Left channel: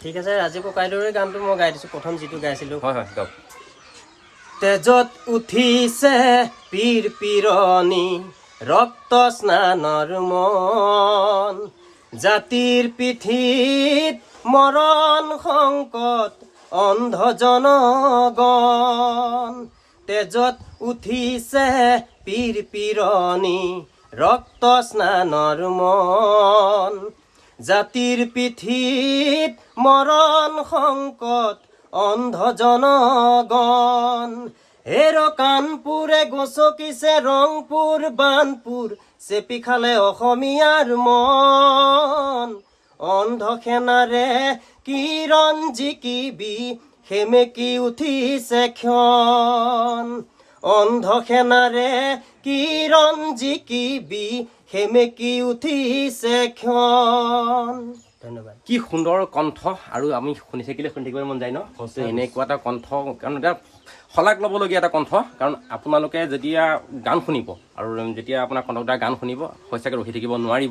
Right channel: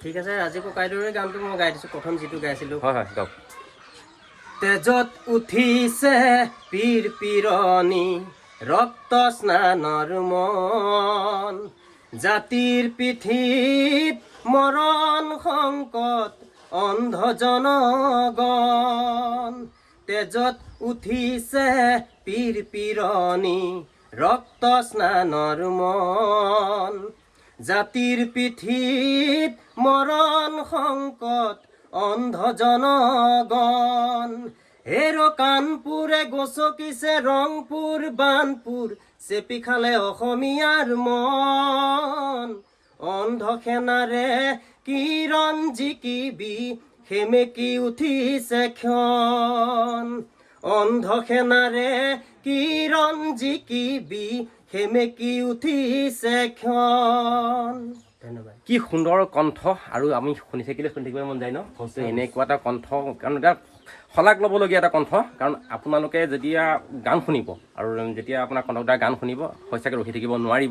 ঠিক আছে আজি ককাইদেউৰে গানটো মই গাই দিছোঁ প্ৰথম যিটো গাইছিলোঁ হয় হয় গাওক তেজত উঠিছে পীৰ পীৰণি ৰক্ত স্নানৰ মন জাতিৰ পিঠিত মৰণ সংকট অন্ধ জনগণ তেজত উঠিছে পীৰ পীৰণি ৰক্ত স্নানৰ মন জাতিৰ পিঠিত মৰণ সংকট অন্ধ জনগণ হেৰ কাণপুৰে গচকিছে ৰংপুৰ বানপুৰ চেপি খালে অসমীয়াৰ মন অন্ধ সেনাৰে কিৰণ জিকিবি সেমেকি উঠিছে ক্ষণ অন্ধ সেনাৰে কিৰণ জিকিবি সেমেকি উঠিছে ক্ষণ ধন্যবাদ কি সুন্দৰ কণ্ঠ আৰু আমি শুনি থাকিবলৈ মন যায় ন এনেকুৱা এটা কণ্ঠ কাৰণ এটা শলাগ ল'বলগীয়া এটা কণ্ঠ কাৰণ আপোনালোকে যেতিয়া গান শুনিব আৰু যেতিয়া আপোনাৰ কণ্ঠদাৰ গান শুনিব সঁচাকৈ ৰখি থাকিব নোৱাৰিব